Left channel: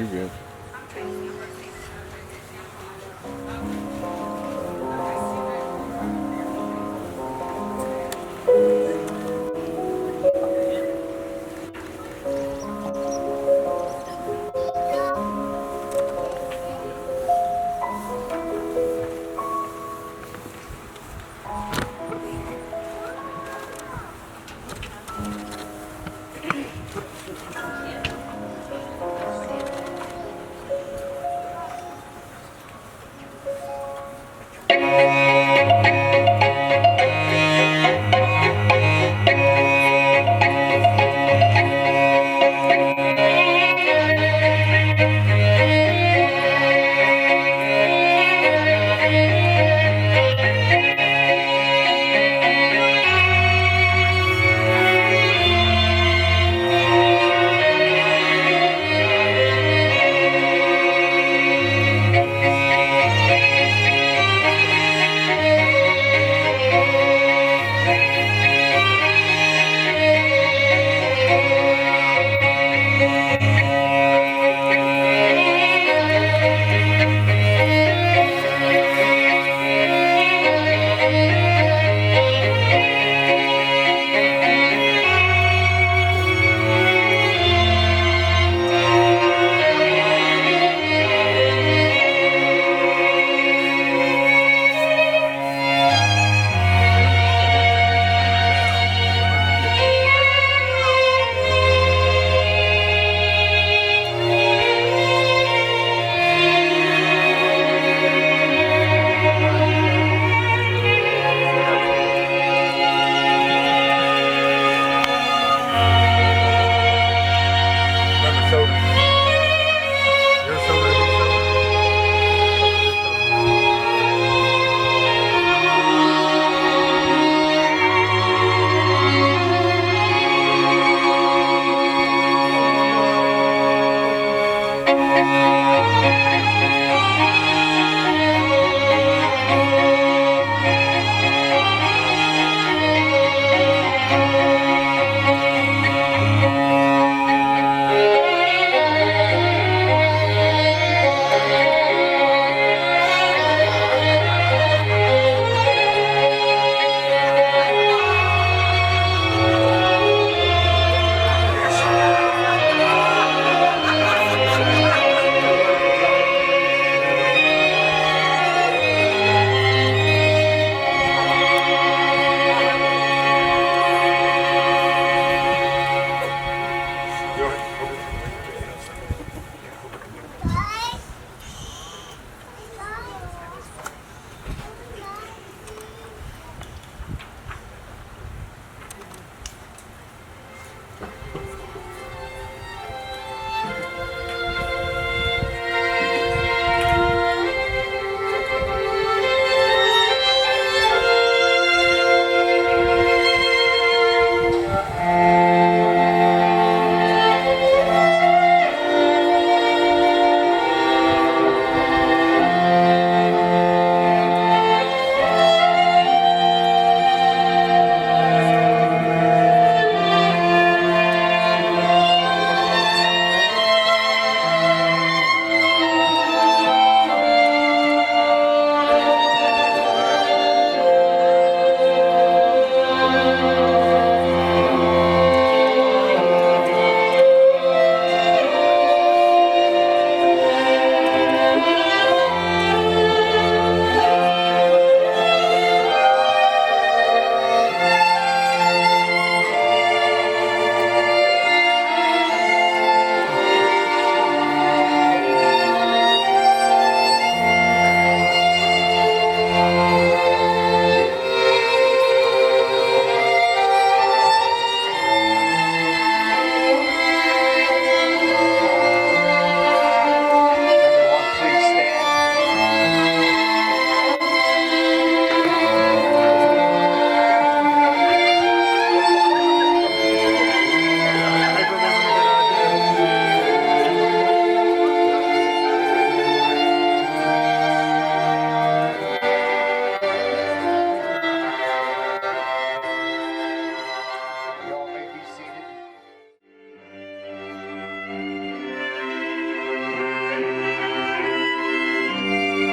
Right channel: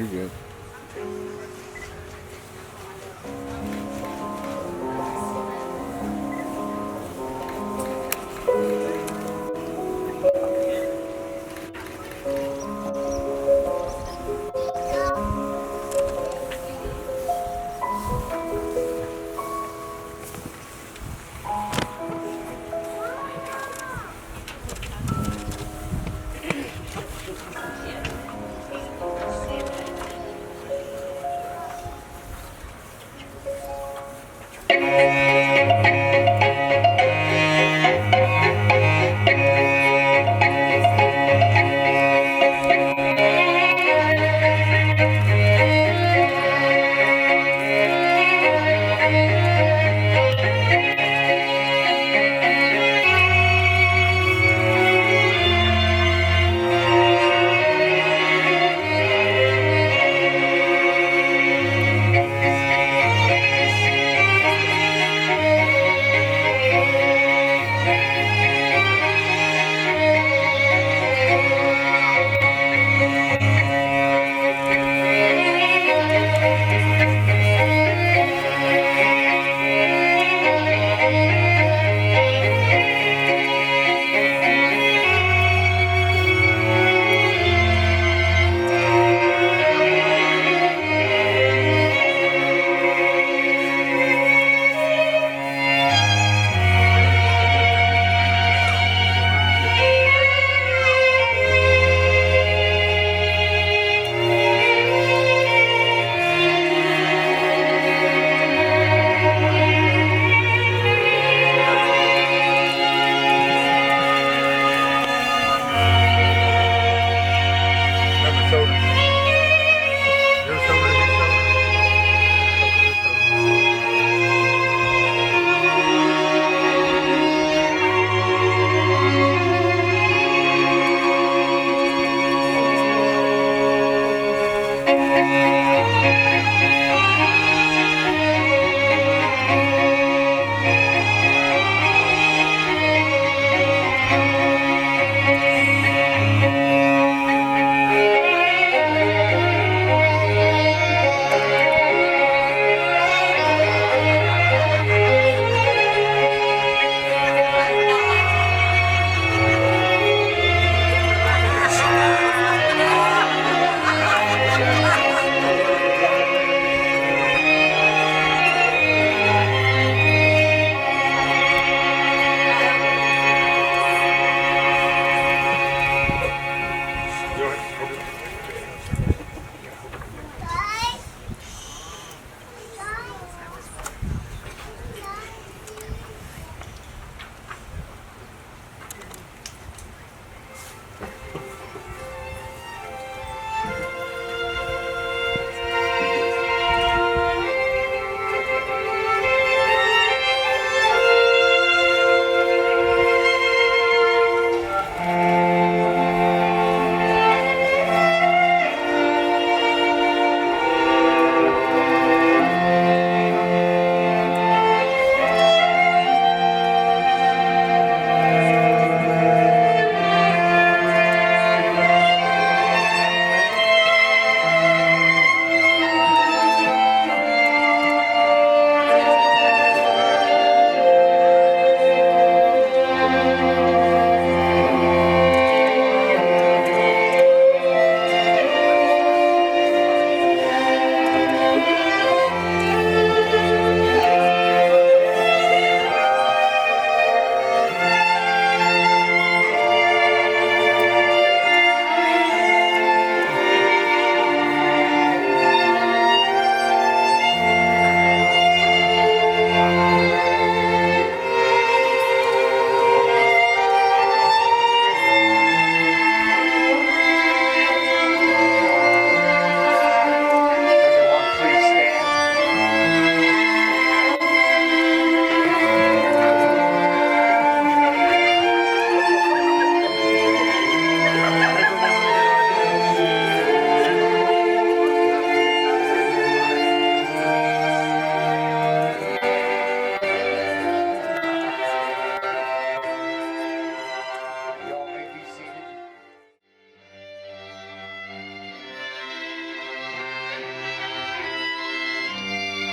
You're good.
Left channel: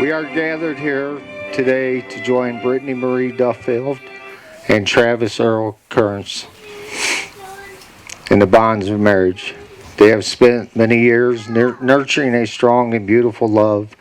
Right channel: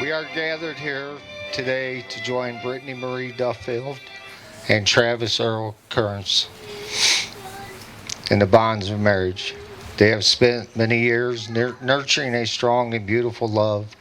We are gathered here today to join Brittany Marie Duffield and Travis Earl Currence in the bonds of marriage. They have spent many years nurturing a strong and beautiful love,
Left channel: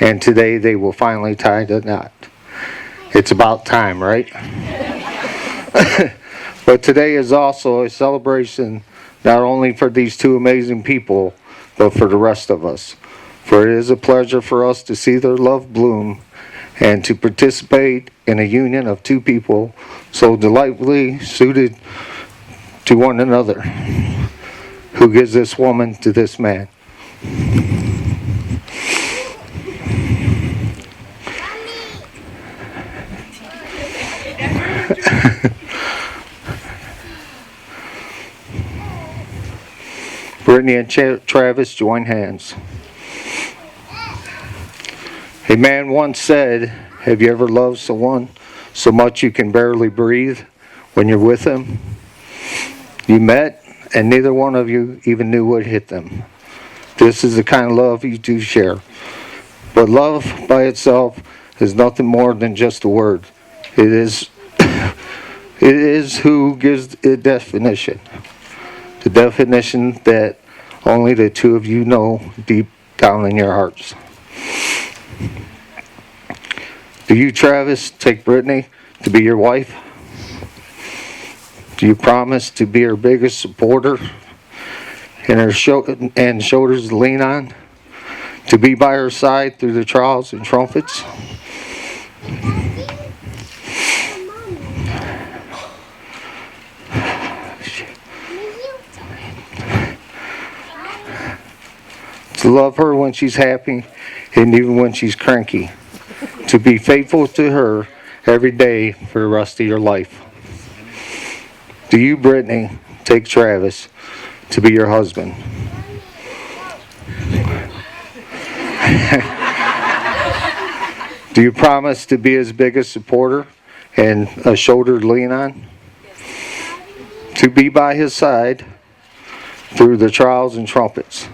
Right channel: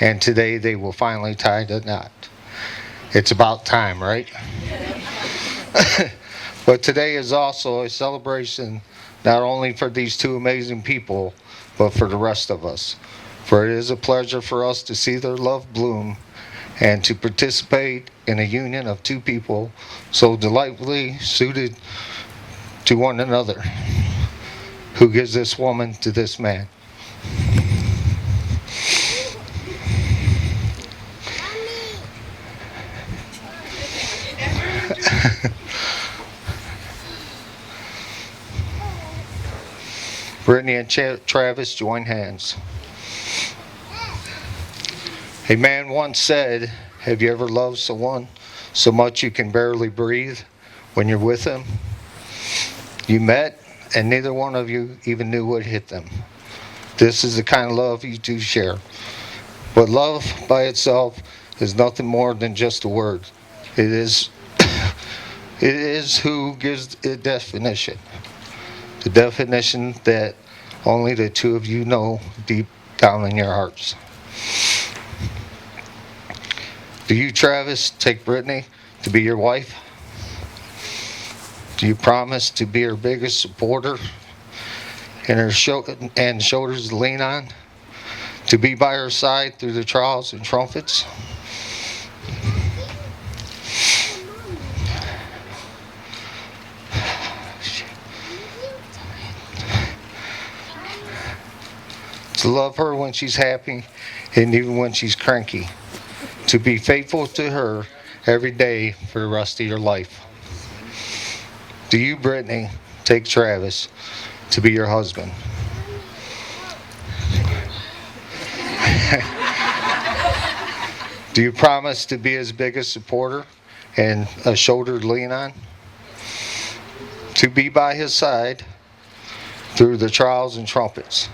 and today they will finally tie the knot. It's about time, right? But today is also a celebration not only for these two amazing people, but for the rest of us. For it is a pleasure for us to see their love bloom and to participate in a union of two people so delightfully suited to one another. Who gives this woman to this man? Brittany and Travis join hands. A man once said, "Have you ever loved someone so much you can barely breathe when you're with them? You met, and neither one of you even knew what hit them. This is the kind of love you do share. But love by itself is nothing more than just a word. It is who gives it definition. The definition that only the two of you know deep down in your hearts." Do you, Travis, take Brittany to be your wife? Do you promise to be her biggest supporter and her shoulders to lean on? To be by her side through the trials and trumpets? To love her when she's happy and even when she's cranky. To be faithful to her every day for the rest of your life. Do you, Brittany, take Travis to be your husband? Do you promise to be his biggest supporter and a shoulder to lean on? To be by his side through the trials and trumpets?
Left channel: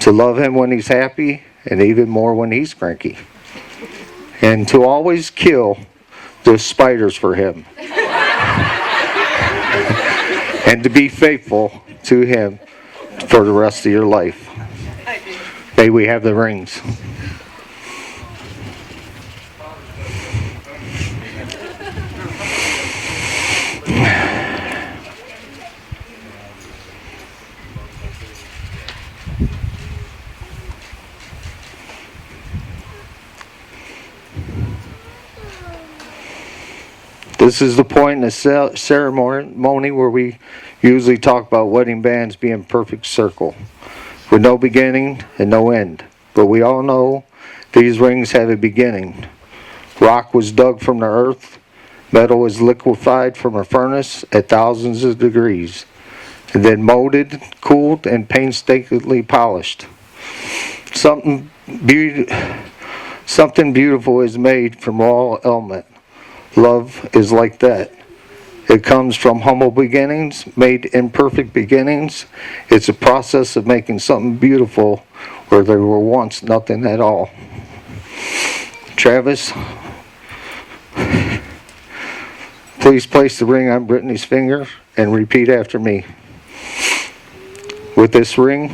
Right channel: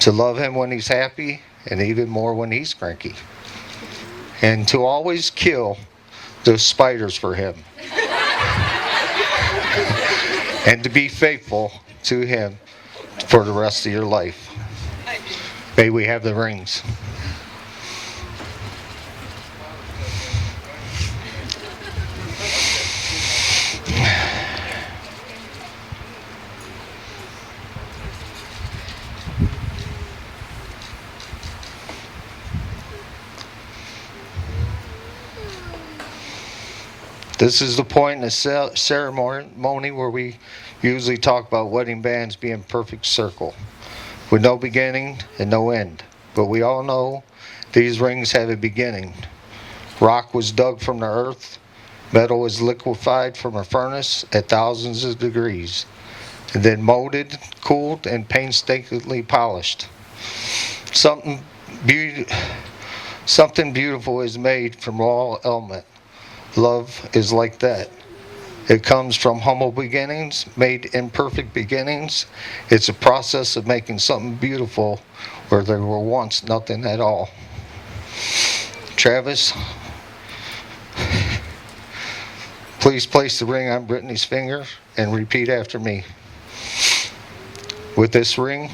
To love him when he's happy and even more when he's cranky? And to always kill those spiders for him. And to be faithful to him for the rest of your life. May we have the rings. This is the point in the ceremony where we usually talk about wedding bands being perfect circle, with no beginning and no end. But we all know these rings have a beginning. Rock was dug from the earth, metal was liquefied from a furnace at thousands of degrees, and then molded, cooled, and painstakingly polished. Something beautiful is made from raw element. Love is like that. It comes from humble beginnings, made imperfect beginnings. It's a process of making something beautiful where there were once nothing at all. Travis, please place the ring on Brittany's finger and repeat after me. With this ring,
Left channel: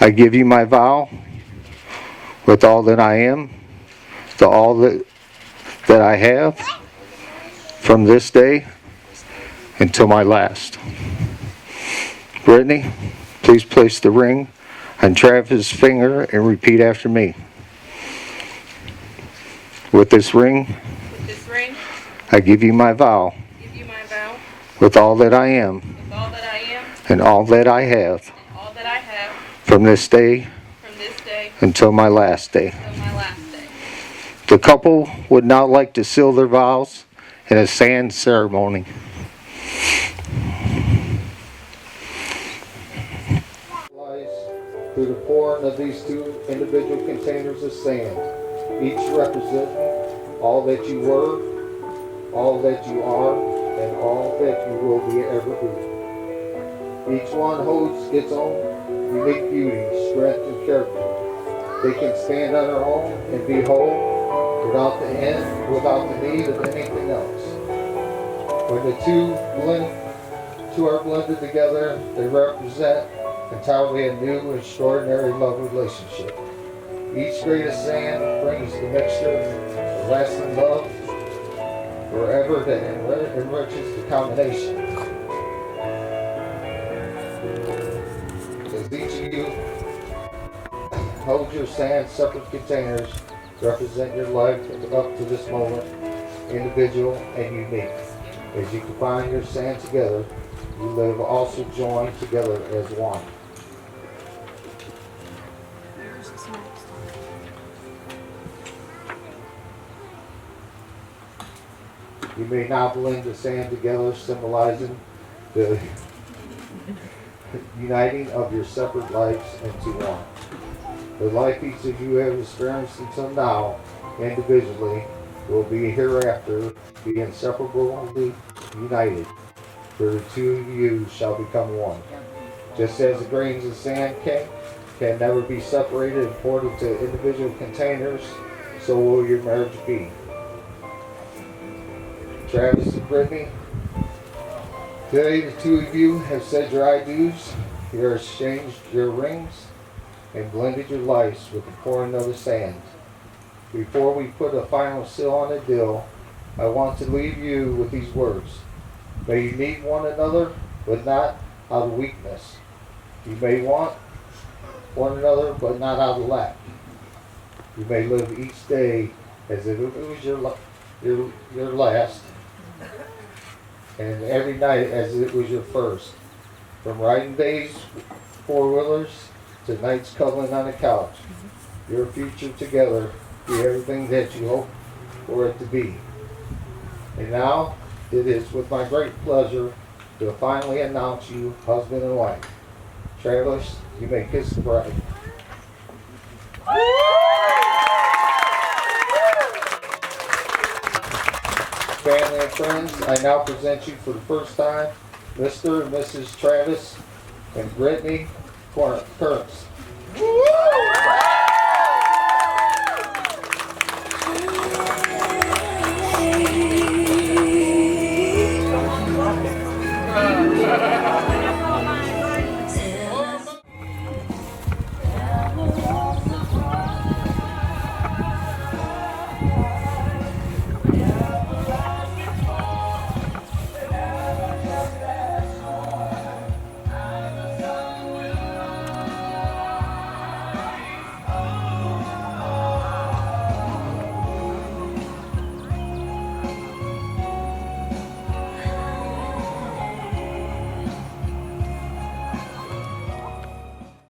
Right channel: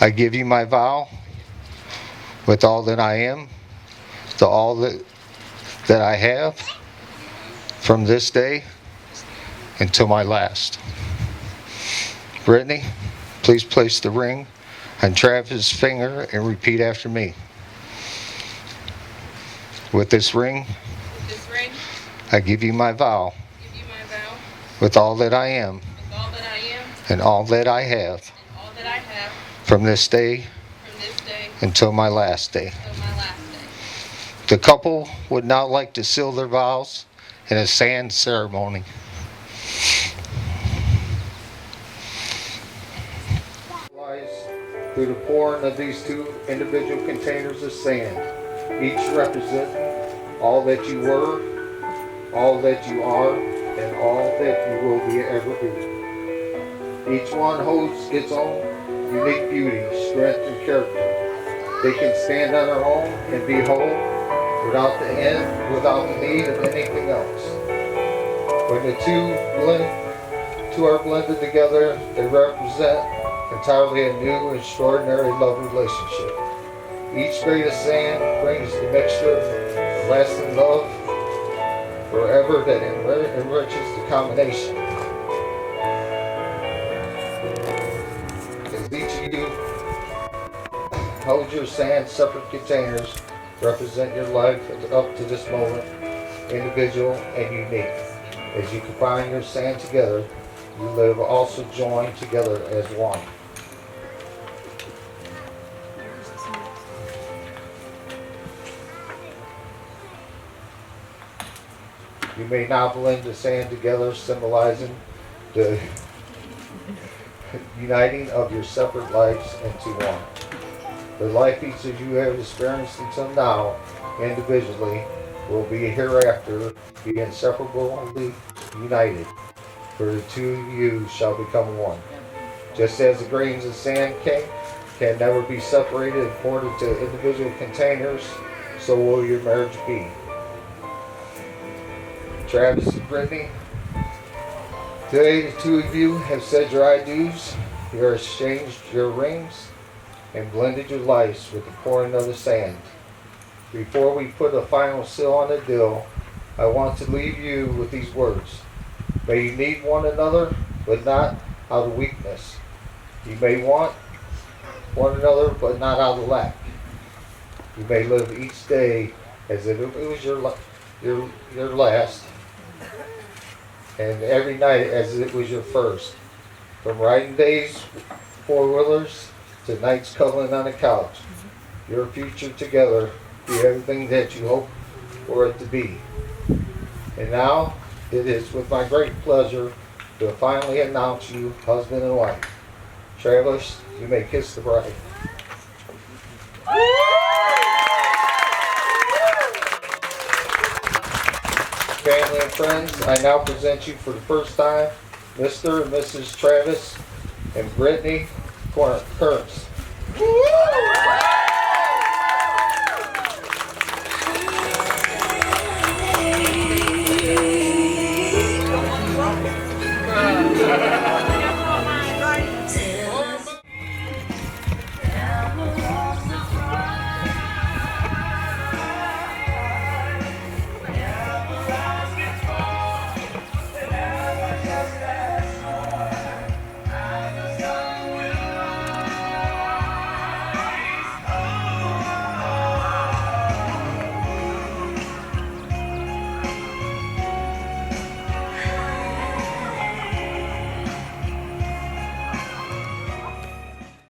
I give you my vow, with all that I am, to all that I have, from this day until my last. Brittany, please place the ring on Travis' finger and repeat after me. With this ring, I give you my vow, with all that I am, and all that I have, from this day until my last day. The couple would now like to seal their vows in a sand ceremony. Through the pouring of these two individual containers of sand, each representing all that you were, all that you are, and all that you will be ever be. Each one holds its own unique beauty, strength, and character. They can stand on their own and be whole without the need of anything else. When two are blended together, they represent entirely a new, extraordinary love relationship. Each grade of sand brings the mixture of lasting love forever that enriches the combination. As each of you holds your sand separate containers, represent your life up to this moment, individual and unique. As you combine your sand together, you live also joined together as one. You may now blend the sand together, symbolizing the uniting of your separate lives into one. The life each of you have experienced until now, individually, will be hereafter be inseparably united, for the two of you shall become one. Just as the grains of sand can never be separated and poured into individual containers, so will your marriage be. Travis and Brittany, today the two of you have said your I do's, you have exchanged your rings, and blended your lives with the pouring of the sand. Before we put a final seal on the deal, I want to leave you with these words. May you need one another, but not out of weakness. You may want one another, but not out of lack. You may live each day as if it was your last, and every night as it was your first. From riding days, four-wheelers, to nights cuddling on the couch. Your future together be everything that you hope for it to be. And now, it is with my great pleasure to finally announce you husband and wife. Travis, you may kiss the bride. Family and friends, I now present you for the first time, Mr. and Mrs. Travis and Brittany Currence.